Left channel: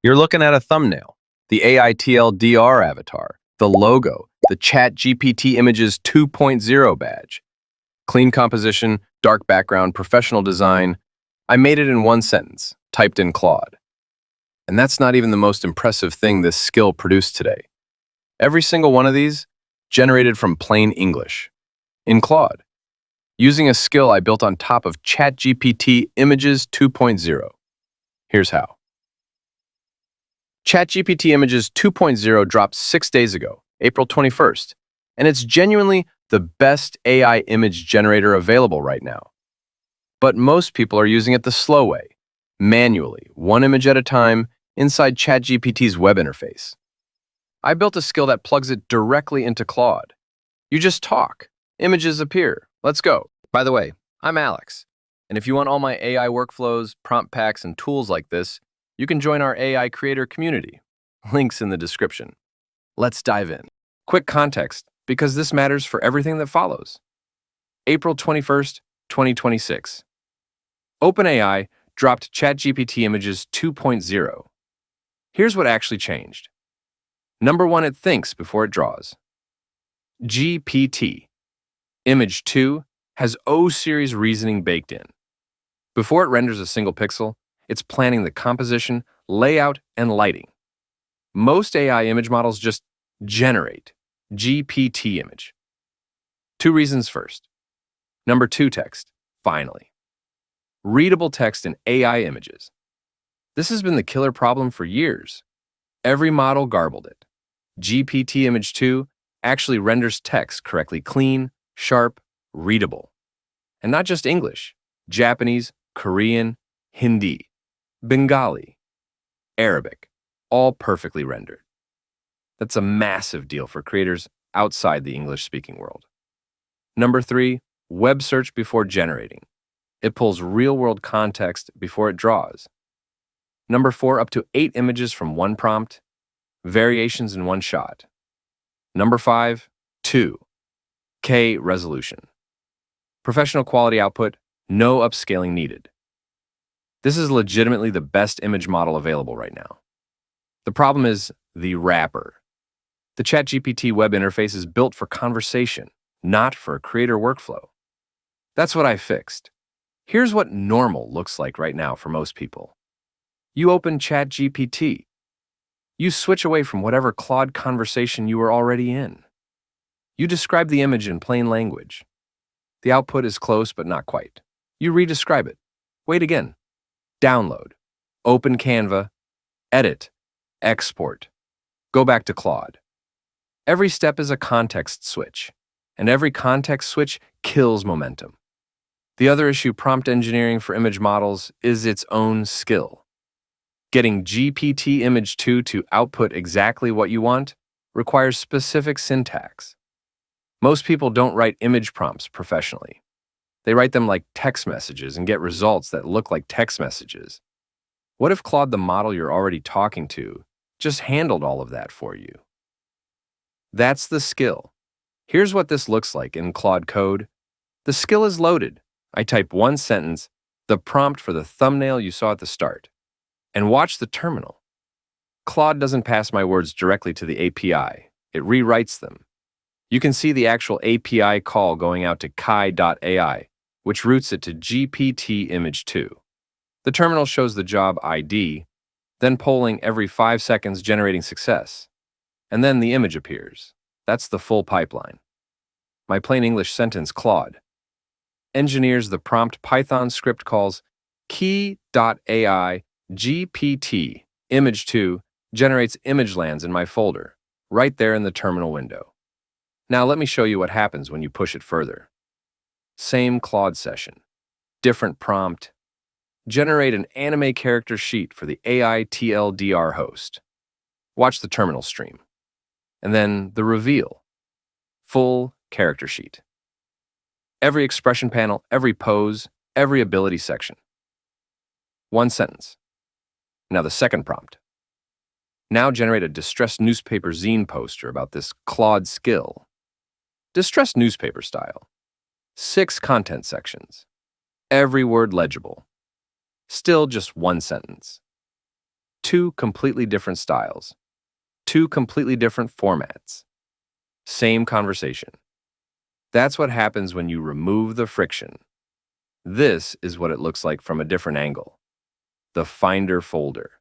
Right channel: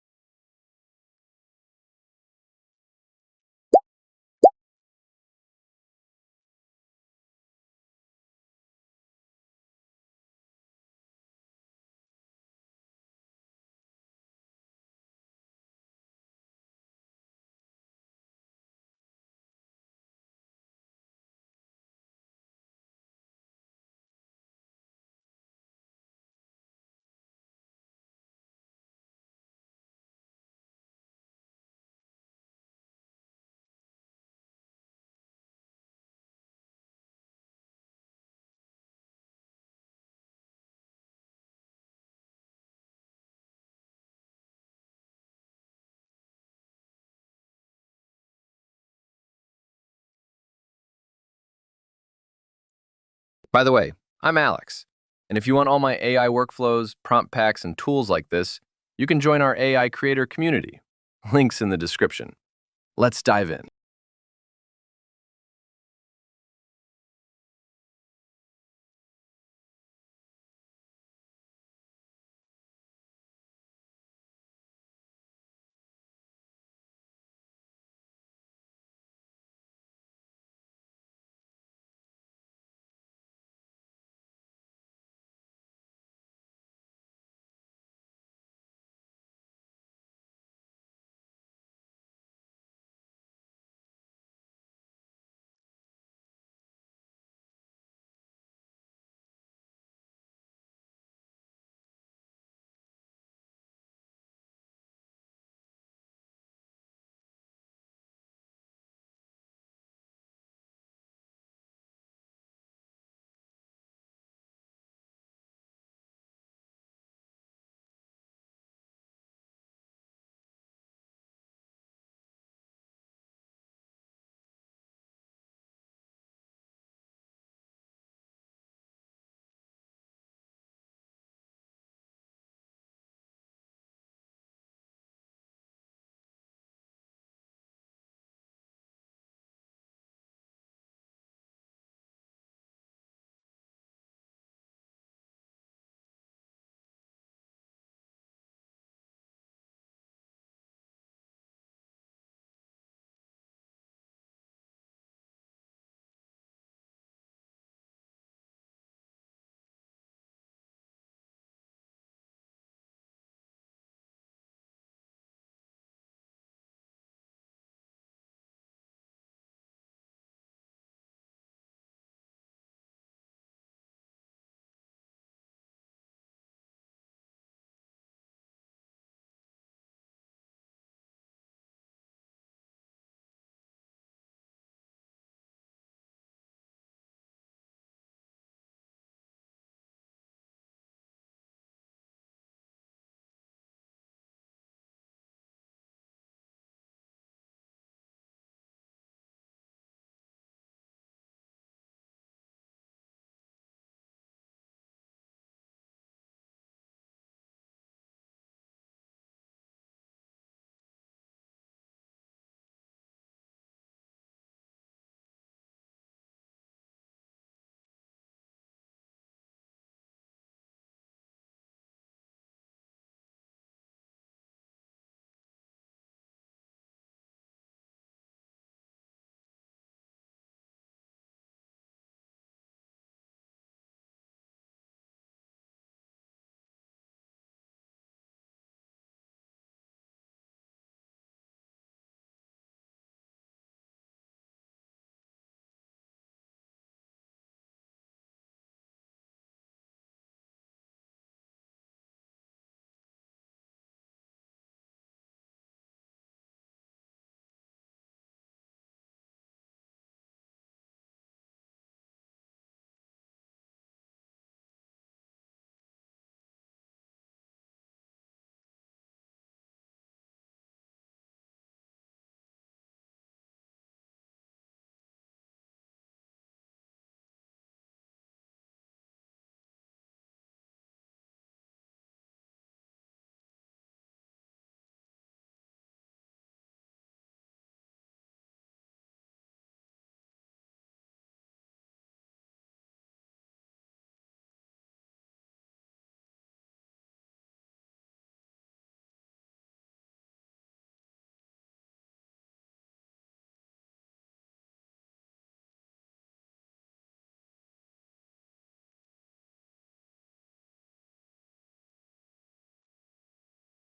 You're looking at a thumbnail, the AiTLDR avatar, the logo, the ChatGPT Images 2.0 badge. Clean composition, dark background, professional design. I made it in one sentence, typed in Claude. And that's not even the most impressive thing this skill produced today. Every single one of these generated from plain English, in Claude, using a skill I built on top of ChatGPT Images 2.0. Here's how. ChatGPT Images 2.0 dropped 6 days ago, April 21st, and it's genuinely the best AI image generator available right now. But most people are using it the slow way, manually, one image at a time, inside ChatGPT's web interface. I built a skill that plugs it directly into Claude. You just talk. Images appear. Let's go. By the way, I'm Alex, and if you want all my AI workflows, prompt packs, and tools like this, you can join our AI creator community. Links in the description. Let's dive in. Quick context, because this matters for everything that follows. April 21st, 2026. OpenAI dropped ChatGPT Images 2.0. Here's what actually changed. Number one, it thinks before it draws. GPT Image 2 has O-series reasoning baked in. Before it renders a single pixel, it's planning the composition, layout, and lighting. Most AI image models just generate GPT image. Two reasons first. Number two, text, finally. Readable text in AI images. This has been the killer problem for years. Every model garbled it. GPT Image 2 actually renders text correctly clean, sharp, readable. And not just English, Japanese, Korean, Hindi, Bengali, Arabic, all perfectly rendered. That's a massive deal for creators outside the English-speaking world. Number three, web search before generating. It pulls real-world context before it draws. Number four, up to 8 images from one prompt, variations in one shot. Number five, 2K resolution. Professional quality output, no upscaling needed. This is legitimately the best image model available right now. The problem is the wrapper. The ChatGPT web interface is built for conversation, not for a creator workflow. That's what I fixed. Here's what normal looks like right now for most people. You open ChatGPT. You switch away from whatever Claude conversation you were already in. You describe the image in plain language. The output is close but not quite. You re-describe it. Wait again. Download. Open Canva. Edit. Export. Go back to Claude. Every step is a context switch, and every context switch kills momentum. The other issue, prompt engineering for image models, is its own skill. Getting GPT Image 2 to output exactly what you want requires specific syntax. Most people don't write image prompts professionally. They write them like text messages and get results that look like text messages. What if Claude, the model you're already talking to, just handled all of that for you? That's the skill. Here's what this looks like in Claude code. The skill is loaded. I type one sentence, the prompt for the thumbnail you saw at the start, and watch the terminal. Claude doesn't pass my words directly to the API. It rewrites them. You can see the actual API call going out to kai.ai, which routes it to GPT Image 2. The terminal shows the job ID, then polling every 5 seconds, generating success. And then the image appears. That's the full pipeline. My plain English sentence, Claude, engineers the prompt Python script calls key.ai GPT Image 2 generates image lands in my folder, right there in the terminal window. Now let me show you what happens when you push it further. Same Claude session, different prompt. Generate an anime character sheet for the AiTLDR host. Watch the terminal stream. And then the reveal. Full character sheet. Every expression panel, every pose, every ability section. One sentence. Now the second prompt. Now generate a distressed newspaper zine poster about this Claude skill. Distressed newspaper style. 6 content sections. Every word legible. Still just one sentence. two completely different styles, two completely different formats, same conversation. That's what happens when you remove the friction. This is what it looks like from a different angle. The Finder folder.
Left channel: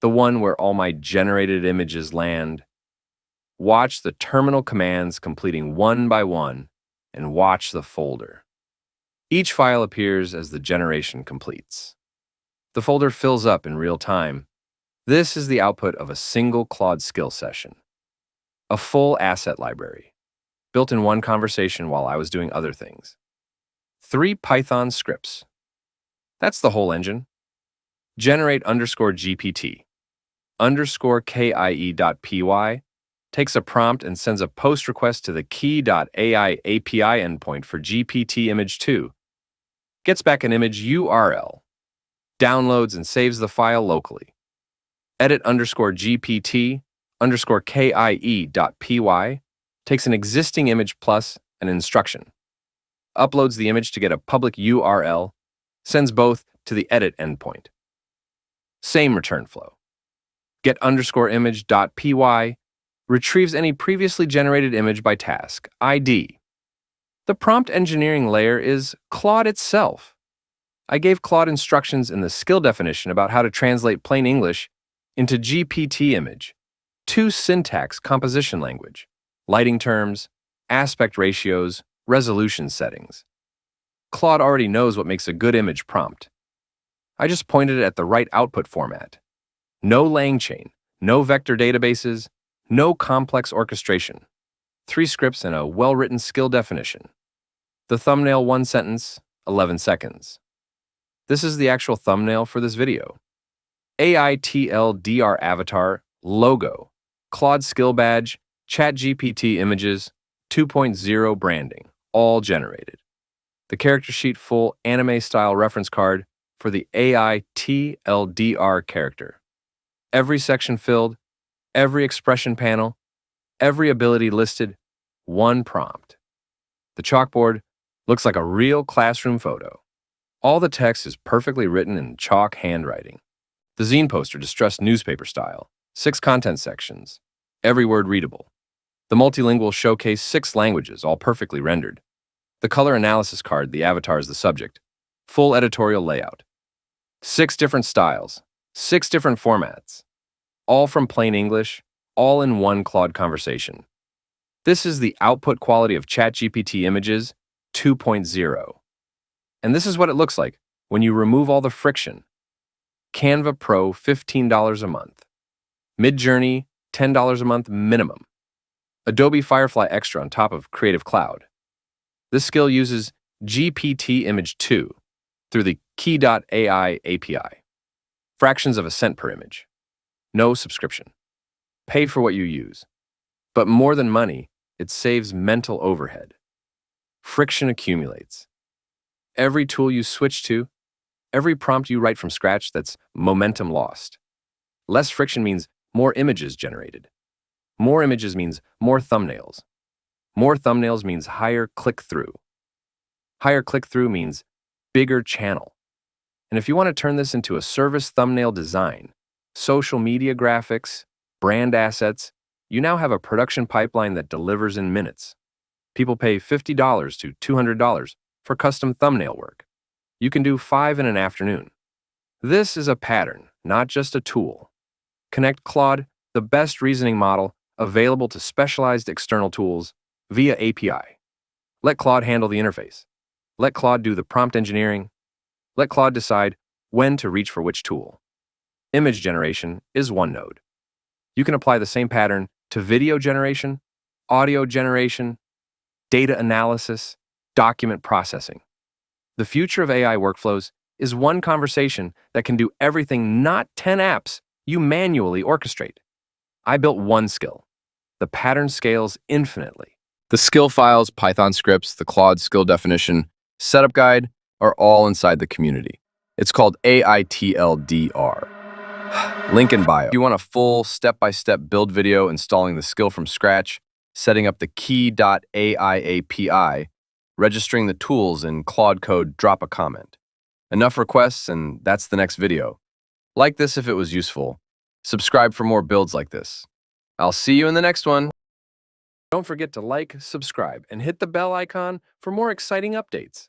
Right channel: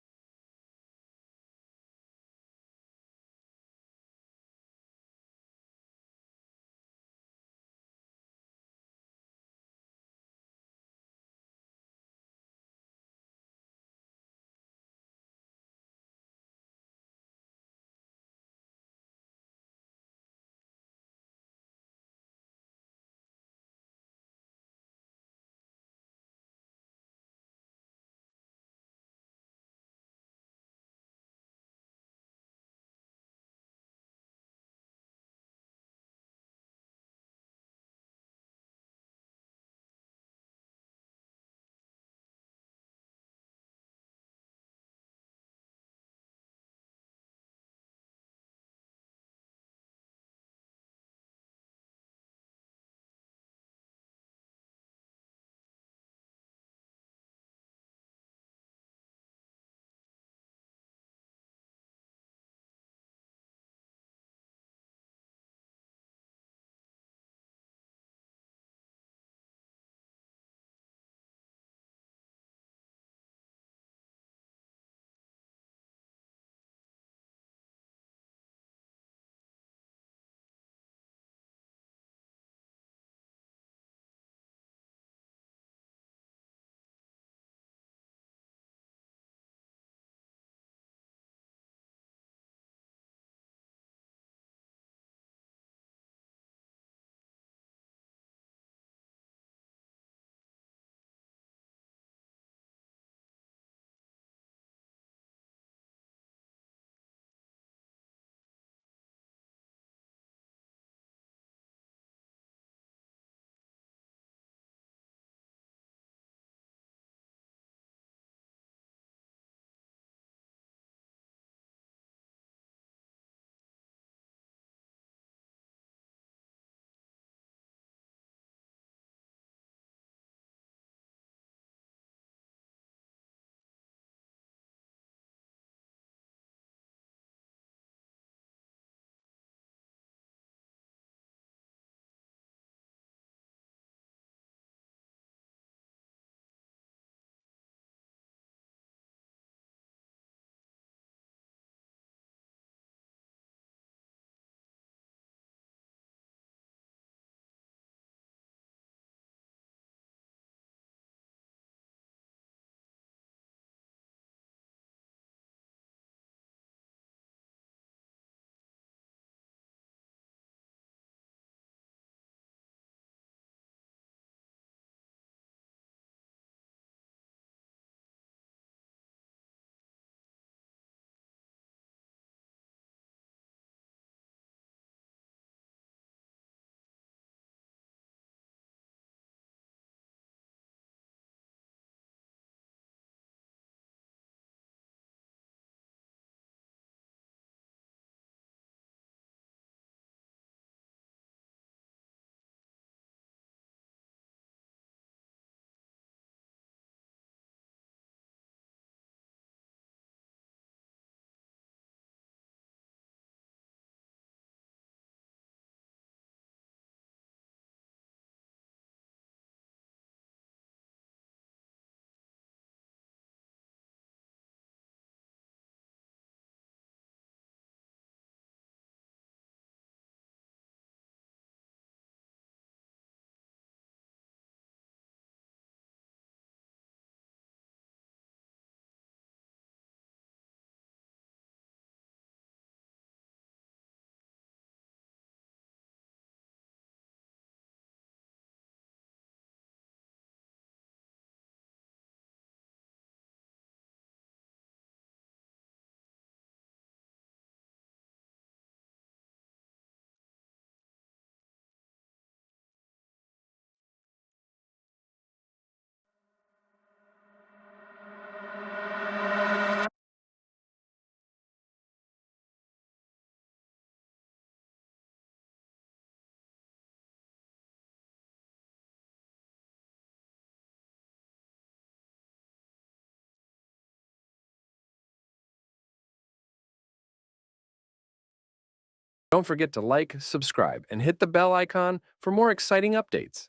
The one where all my generated images land. Watch the terminal commands completing one by one, and watch the folder. Each file appears as the generation completes. The folder fills up in real time. This is the output of a single Claude skill session. A full asset library, built in one conversation while I was doing other things. 3 Python scripts. That's the whole engine. Generate _GPT _KIE.py takes a prompt and sends a post request to the key.ai API endpoint for GPT Image 2. Gets back an image URL. Downloads and saves the file locally. Edit _GPT _KIE.py takes an existing image plus an instruction. Uploads the image to get a public URL, sends both to the edit endpoint. Same return flow. Get _image.py retrieves any previously generated image by task ID. The prompt engineering layer is Claude itself. I gave Claude instructions in the skill definition about how to translate plain English into GPT image, 2 syntax composition language, lighting terms, aspect ratios, resolution settings. Claude already knows what makes a good image prompt. I just pointed it at the right output format. No lang chain, no vector databases, no complex orchestration. 3 scripts and a well-written skill definition. The thumbnail 1 sentence, 11 seconds. This is the actual thumbnail for this video. AiTLDR avatar, logo, Claude skill badge, ChatGPT Images, 2.0 branding, all generated. The character sheet full anime-style reference card for the AiTLDR character. Every section filled, every expression panel, every ability listed, one prompt. The chalkboard looks like a real classroom photo. All the text is perfectly written in chalk handwriting. The zine poster distressed newspaper style, 6 content sections, every word readable. The multilingual showcase 6 languages, all perfectly rendered. The color analysis card, the avatar is the subject. Full editorial layout. 6 different styles, 6 different formats, all from plain English, all in one Claude conversation. This is the output quality of ChatGPT Images 2.0. And this is what it looks like when you remove all the friction. Canva Pro, $15 a month. Midjourney, $10 a month minimum. Adobe Firefly Extra on top of Creative Cloud. This skill uses GPT Image 2 through the key.ai API. Fractions of a cent per image. No subscription. Pay for what you use. But more than money, it saves mental overhead. Friction accumulates. Every tool you switch to, every prompt you write from scratch, that's momentum lost. Less friction means more images generated. More images means more thumbnails. More thumbnails means higher click-through. Higher click-through means bigger channel. And if you want to turn this into a service thumbnail design, social media graphics, brand assets, you now have a production pipeline that delivers in minutes. People pay $50 to $200 for custom thumbnail work. You can do 5 in an afternoon. This is a pattern, not just a tool. Connect Claude, the best reasoning model available to specialized external tools, via API. Let Claude handle the interface. Let Claude do the prompt engineering. Let Claude decide when to reach for which tool. Image generation is one node. You can apply the same pattern to video generation, audio generation, data analysis, document processing. The future of AI workflows is one conversation that can do everything, not 10 apps you manually orchestrate. I built one skill. The pattern scales infinitely. The skill files, Python scripts, the Claude skill definition, setup guide are all inside the community. It's called AiTLDR. Link in bio. If you want a full step-by-step build video installing the skill from scratch, setting up the key.ai API, registering the tools in Claude Code, drop a comment. Enough requests and that's the next video. Like this if it was useful. Subscribe for more builds like this. I'll see you in the next one. Don't forget to like, subscribe, and hit the bell icon for more exciting updates.